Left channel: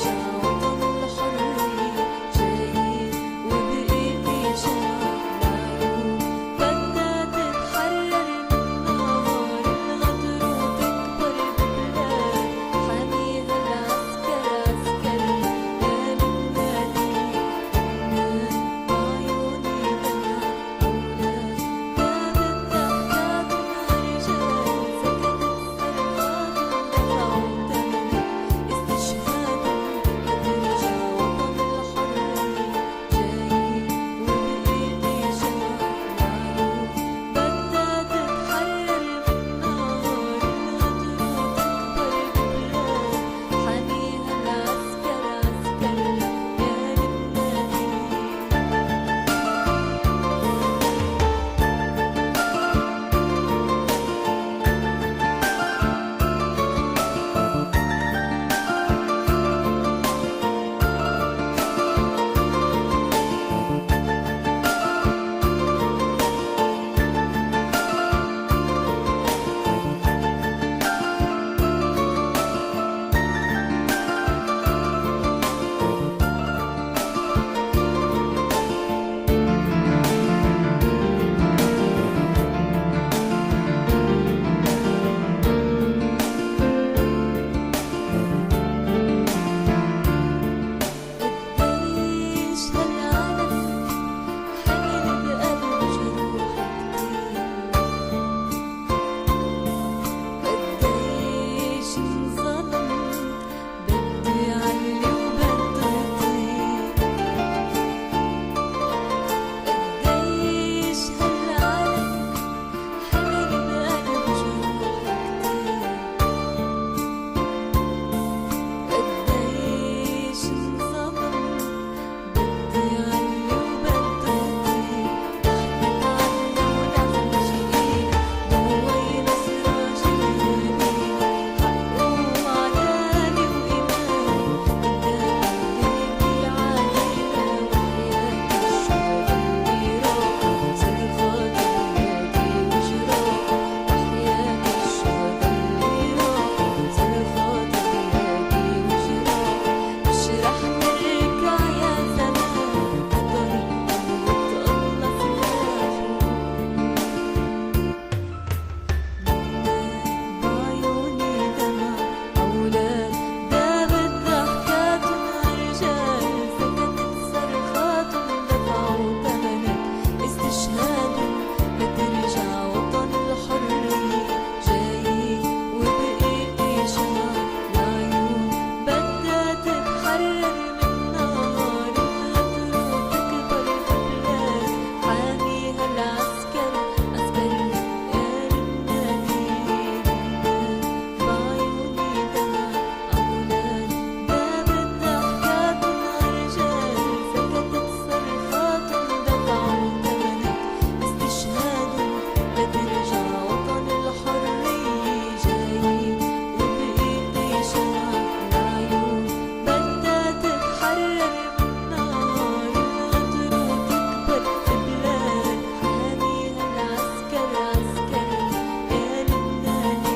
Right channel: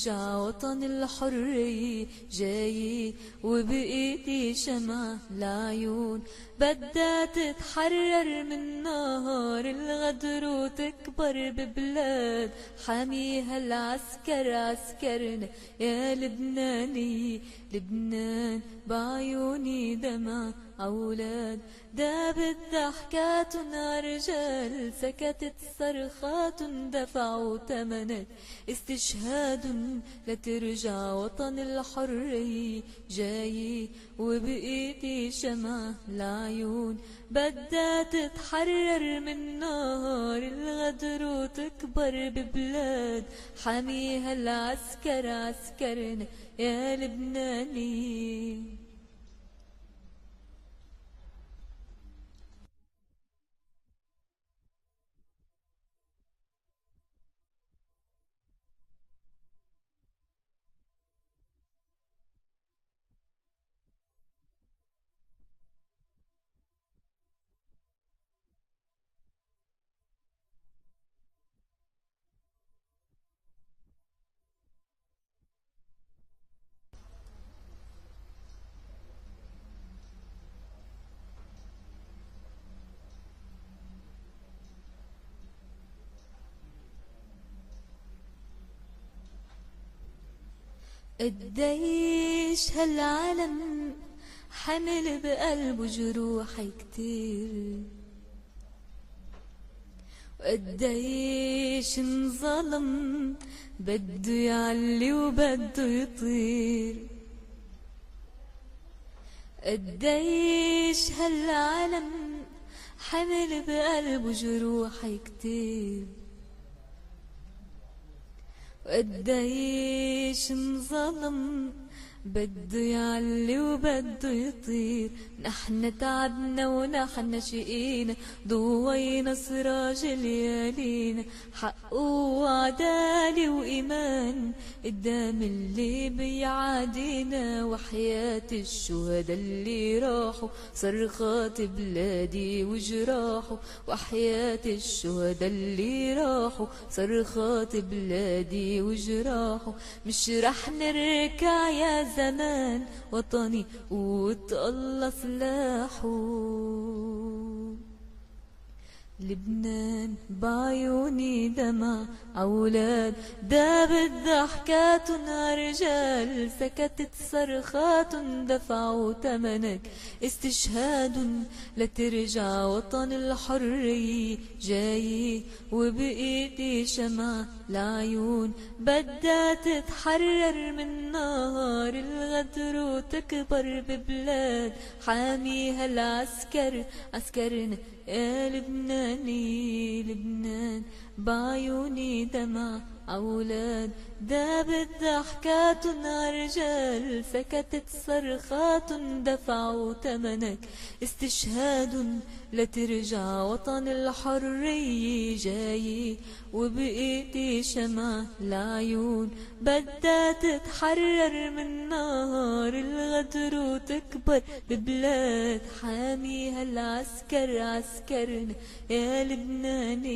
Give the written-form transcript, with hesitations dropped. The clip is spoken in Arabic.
لترجع وطن الحرية جاي وبإيدي شمعة العيون بدها تتحرر من نار الغدر وتكبر ببلاد حاميها العسكر عسكرنا يا لبناني لبنان بعيوني دمع أولاد دابت ضحكاتنا رجال سكتت صرخاتهم دفعوا ثمنها استشهاد لترجع وطن الحرية جاي وبإيدي شمعة العيون بدها تتحرر من نار الغدر وتكبر ببلاد حاميها العسكر عسكرنا يا لبناني قديش هالعالم حمل بقلبه جروح كتير قديش انظلم بده يعلي وبده يطير قديش هالعالم حمل بقلبه جروح كتير قديش انظلم بده يعلي وبده يطير نحن تعبنا ونحن شقينا ضوينا سراج ليالينا حق وعدالة وإيمان قدام اللي بيعادينا وحياة الشهداء اللي راحوا صرخات بلادي وجراحه وحياة الشهداء اللي راحوا صرخات بلادي وجراحه مش رح نرجع يا زمان وطني قوة الله سلاحه لبنان بعيوني دمع أولاد دابت ضحكاتنا رجال سكتت صرخاتهم دفعوا ثمنك استشهاد لترجع وطن الحرية جاي وبإيدي شمعة العيون بدها تتحرر من نار الغدر وتكبر ببلاد حاميها العسكر عسكرنا يا لبناني لبنان بعيوني دمع أولاد دابت ضحكاتنا رجال سكتت صرخاتهم دفعوا ثمنك استشهاد لترجع وطن الحرية جاي وبإيدي شمعة العيون بدها تتحرر من نار الغدر وتكبر ببلاد حاميها العسكر عسكرنا يا لبناني